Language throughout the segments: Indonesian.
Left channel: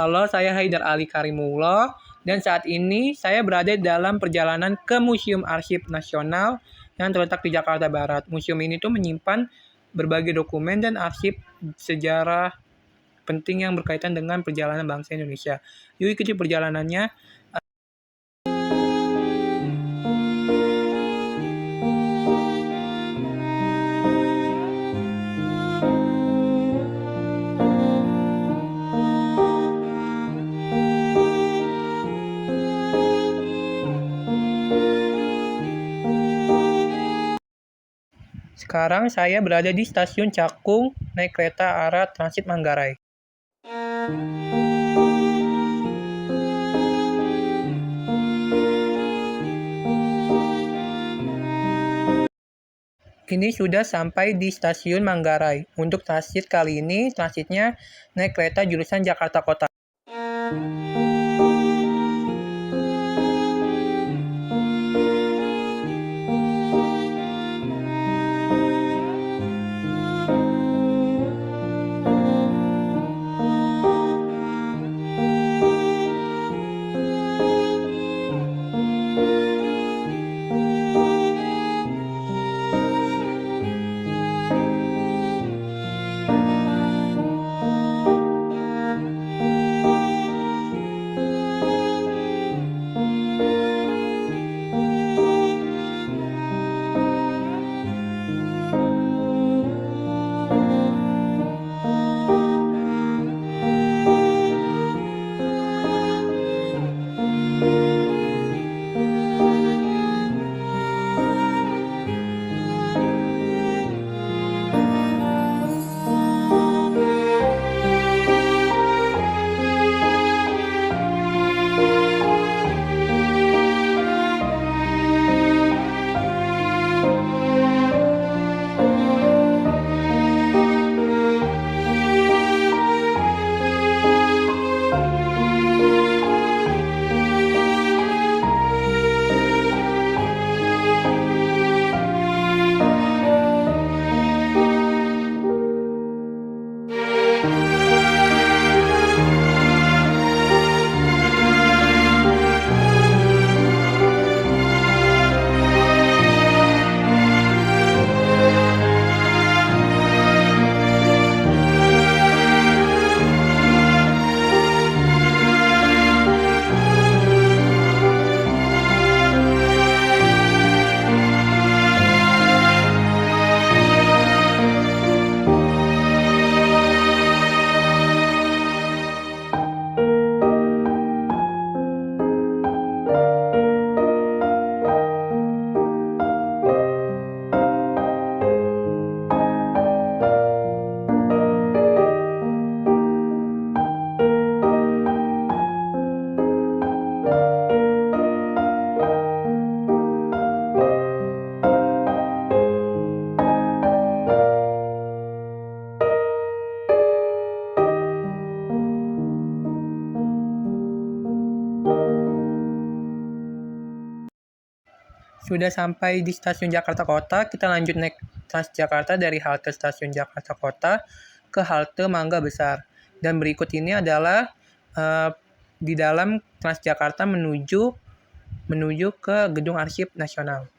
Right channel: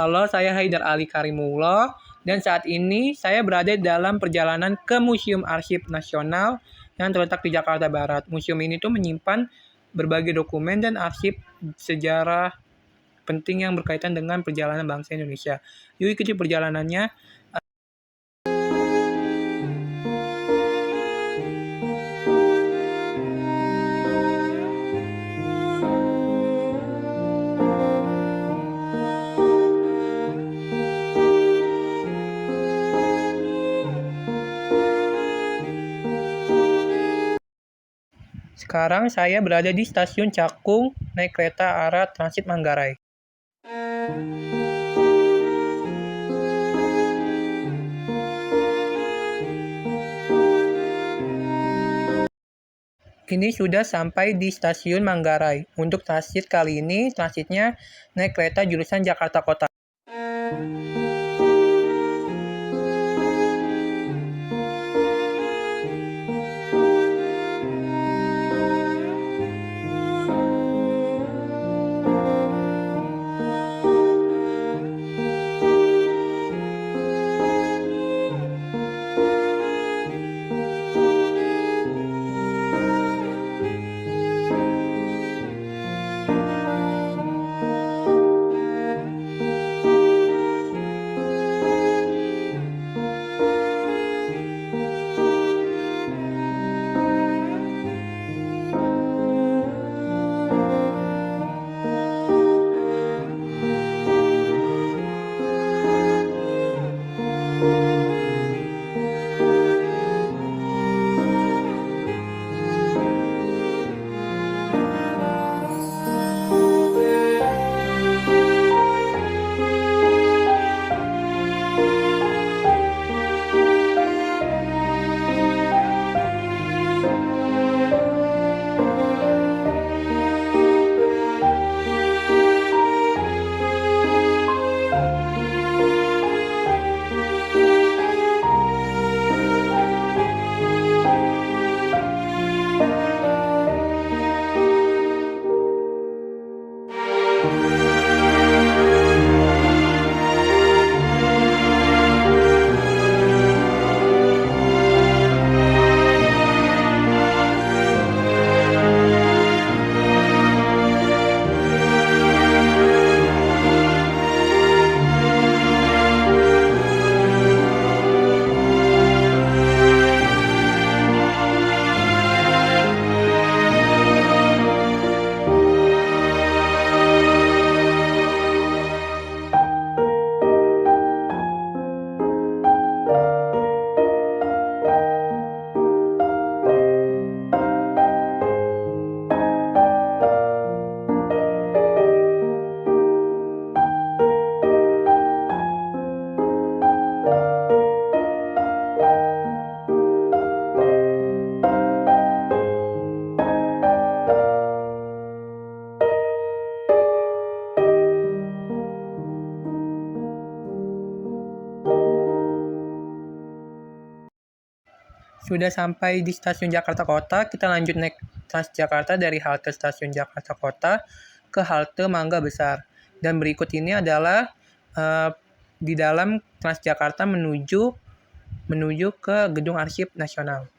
Halo, saya Haidar Ali Karimullah dan saat ini saya berada dalam perjalanan ke Museum Arsip Nasional yang terletak di Jakarta Barat. Museum ini tuh menyimpan berbagai dokumen dan arsip sejarah penting yang berkaitan dengan perjalanan bangsa Indonesia. Yuk ikuti perjalanannya. Sekarang saya berada di Stasiun Cakung, naik kereta arah Transit Manggarai. Kini sudah sampai di Stasiun Manggarai. Untuk transit kali ini, transitnya naik kereta jurusan Jakarta Kota. Sudah sampai di Stasiun Jakarta Kota, kita lanjut naik Transjakarta dari halte Stasiun Jakarta Kota ke halte Mangga Besar. Dan berikut ini adalah di dalam Transjakarta menuju ke Gedung Arsip Nasional.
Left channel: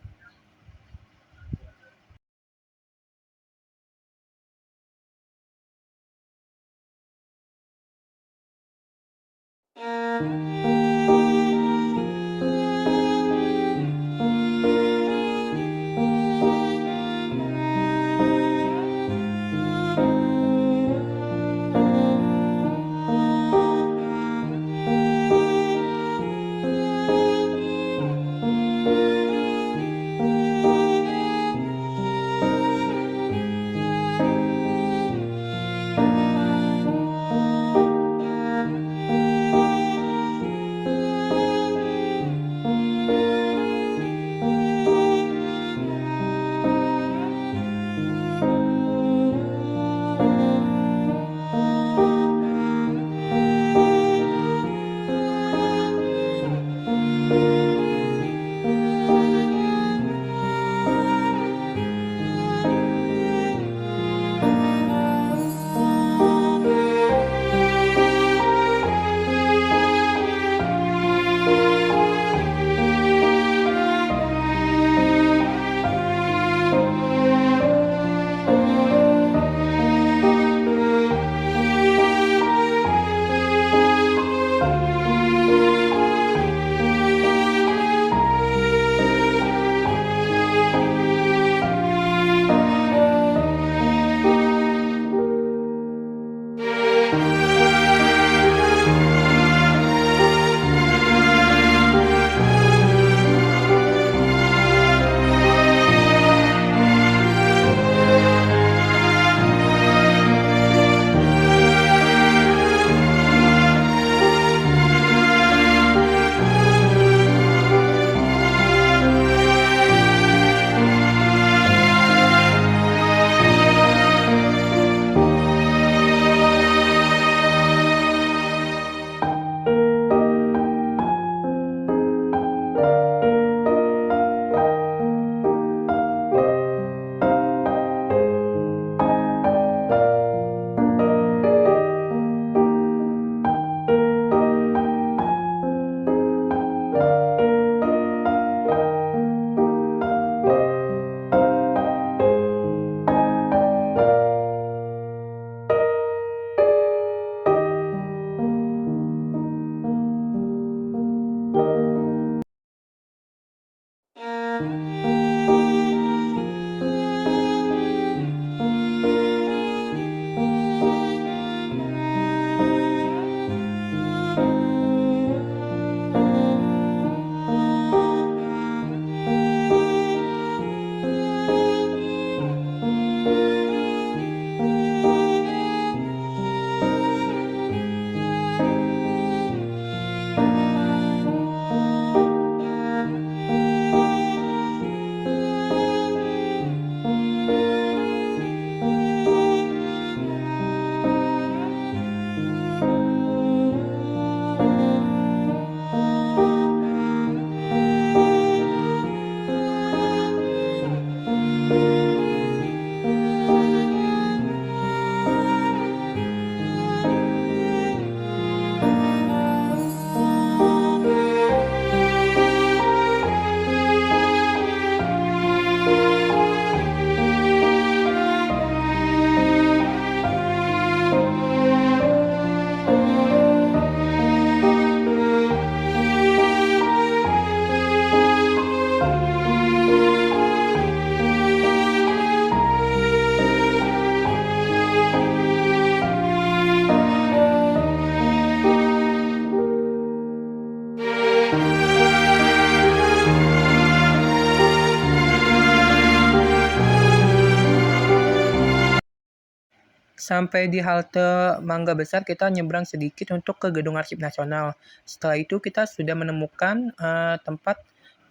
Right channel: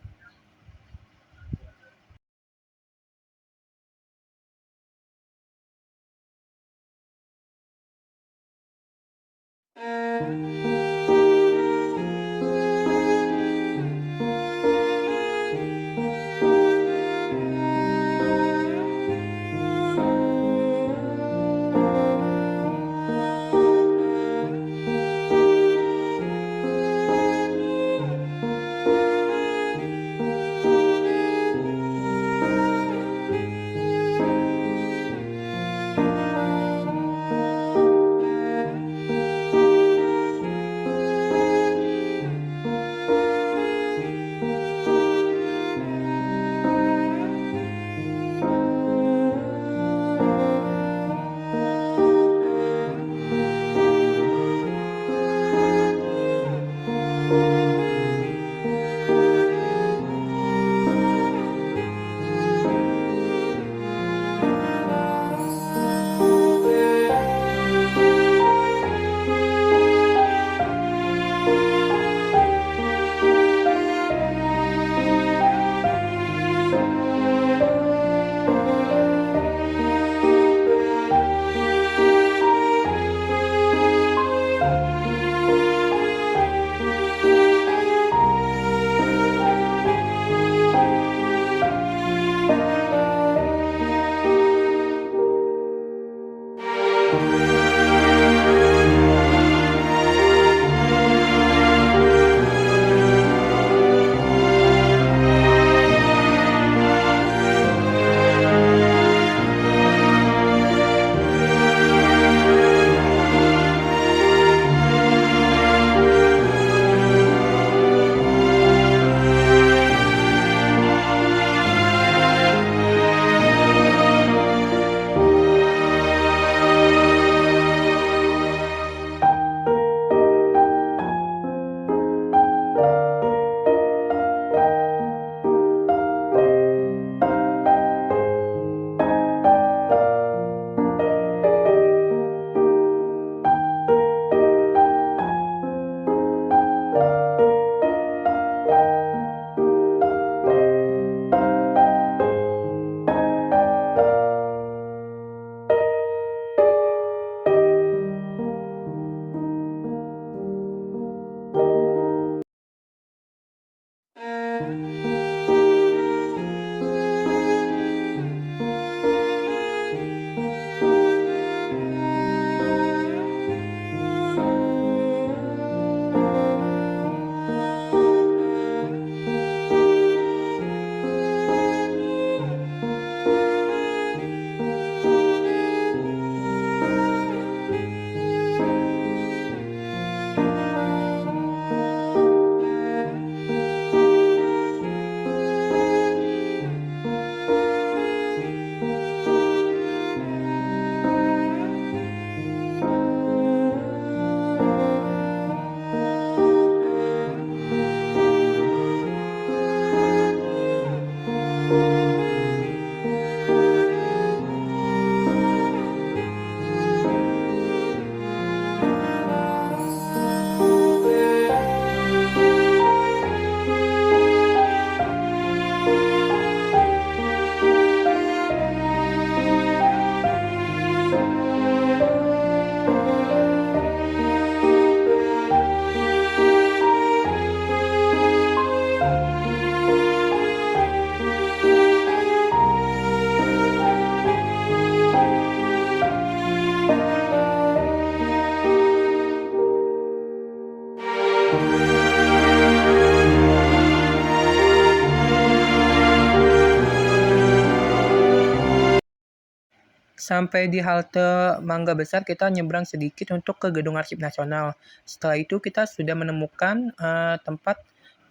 Sampai di halte Mangga Besar, kita nyebrang sedikit untuk ke Gedung Arsip Nasional. Setelah itu kita sudah menemukan tempat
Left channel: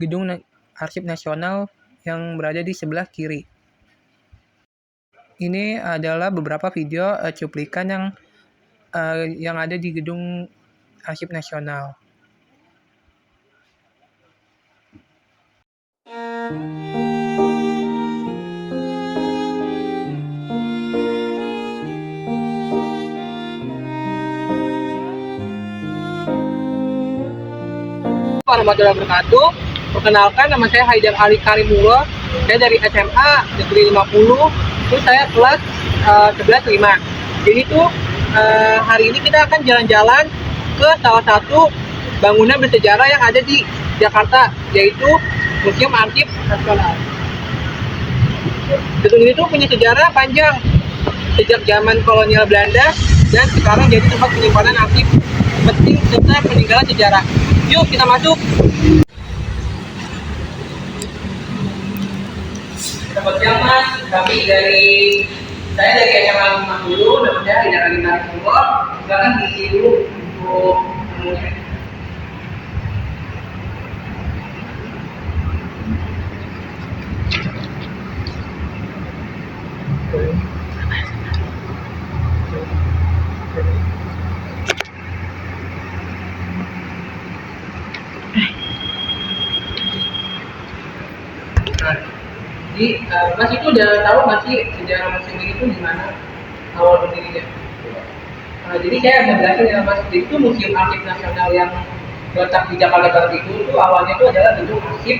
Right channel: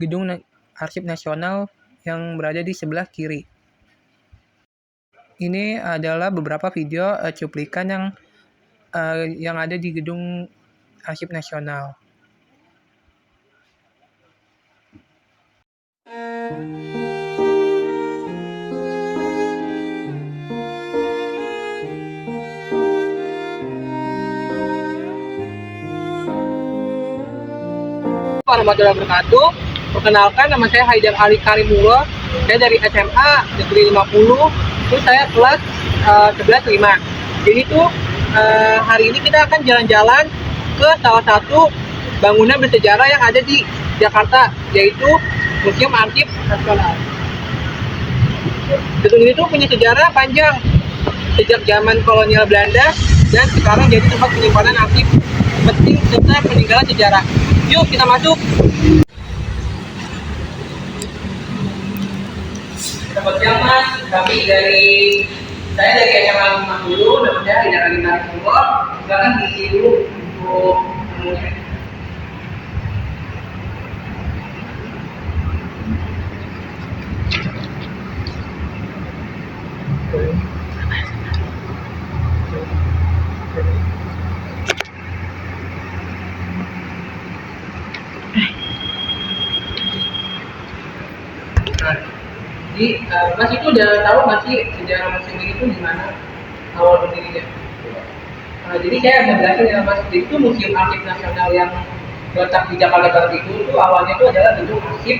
Gedung Arsip Nasional yang berada di sebelah kiri. Ini adalah beberapa video cuplikan yang ada di Gedung Arsip Nasional. Warahmatullahi wabarakatuh. Perkenalkan, nama saya Haidar Ali Karimullah. Saya dari SMA Negeri 50. Itu saya kelas 11 5. Jadi tuh hari ini kita akan jalan-jalan ke salah satu bangunan bersejarah yang ada di Jakarta, yaitu Museum Arsip Nasional. Gedung ini tuh punya sejarah panjang sejak zaman kolonial Belanda dan sekarang jadi tempat penyimpanan arsip penting serta peninggalan sejarah. Yuk kita masuk. Selamat siang Mas, saya dari SMA 50, nama saya Haidar Ali Karimullah. Silakan diisi dulu untuk temunya. Nah, jadi Mas itu udah tahu nggak sih sejarah museum ini tuh gimana awal berdirinya? Jadi saya akan jelasin ya Mas. Jadi itu Museum Arsip Nasional yang terletak di Jakarta Barat itu awalnya itu adalah Gedung Arsip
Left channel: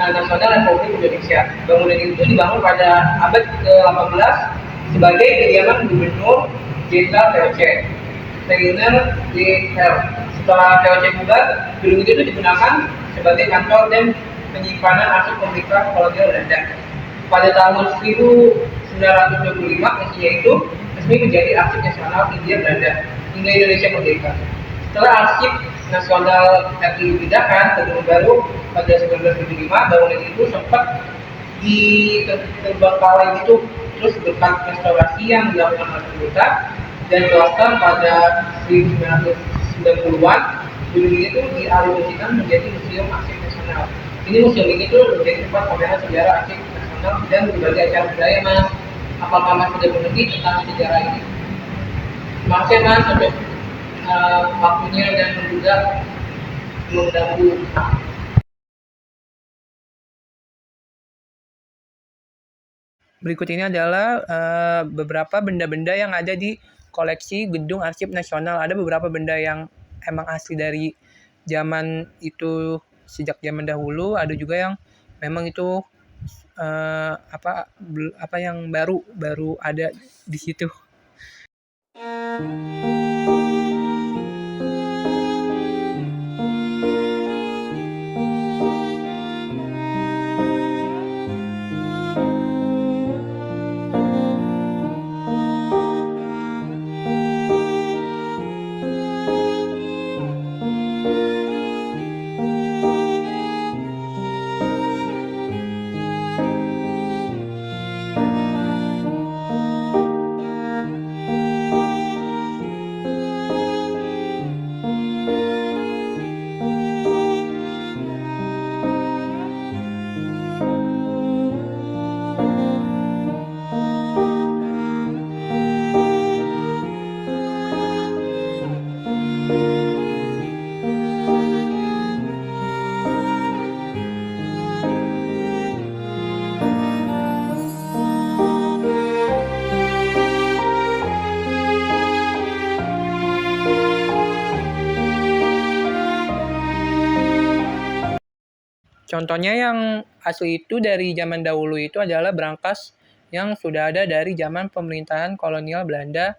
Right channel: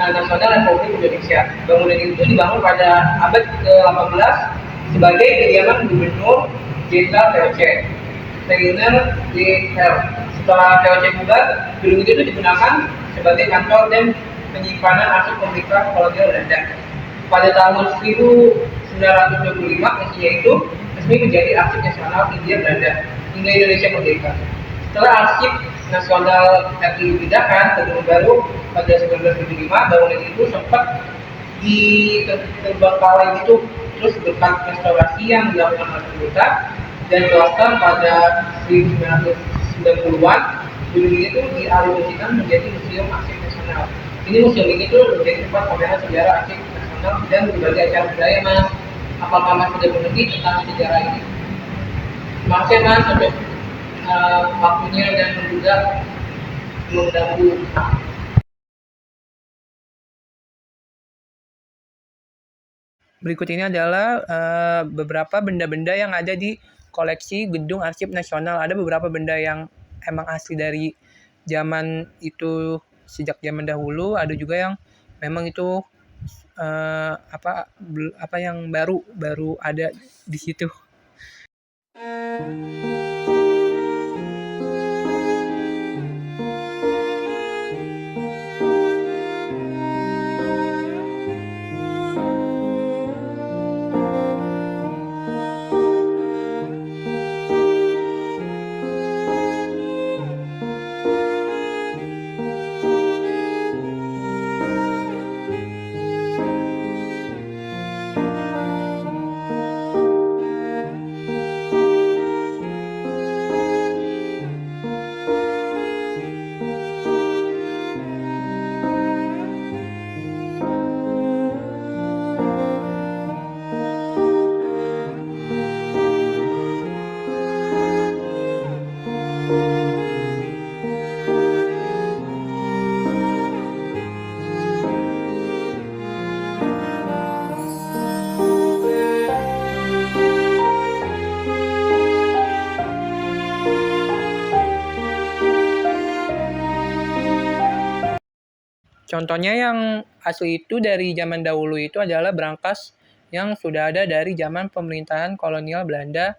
Nasional Republik Indonesia. Bangunan itu dibangun pada abad ke-18 sebagai kediaman Gubernur Jenderal VOC, Rainer D. Hel. Setelah VOC bubar, gedung itu digunakan sebagai kantor dan penyimpanan arsip pemerintah kolonial Belanda. Pada tahun 1925, fungsinya itu resmi menjadi arsip nasional Hindia Belanda hingga Indonesia merdeka. Setelah arsip nasional RI dipindahkan ke gedung baru pada 1975, bangunan itu sempat terbengkalai gitu, terus berkat restorasi yang dilakukan oleh pemerintah dan swasta pada 1990-an, gedung ini itu dialihfungsikan menjadi Museum Arsip Nasional. Ini museum ini tuh menjadi tempat pameran sejarah arsip nasional dan berbagai acara budaya Mas. Apakah Mas sudah mengerti tentang sejarah ini? Terima kasih Mas untuk waktunya dan juga mengganggu. Berikut ini adalah beberapa benda-benda yang ada di koleksi Gedung Arsip Nasional. Ada beberapa benda yang emang asli dari zaman itu, sejak zaman dahulu. Ada juga yang memang itu apa yang baru ada di situ. Contohnya yang asli itu dari zaman dahulu itu adalah brankas yang sudah ada dari zaman pemerintahan kolonial Belanda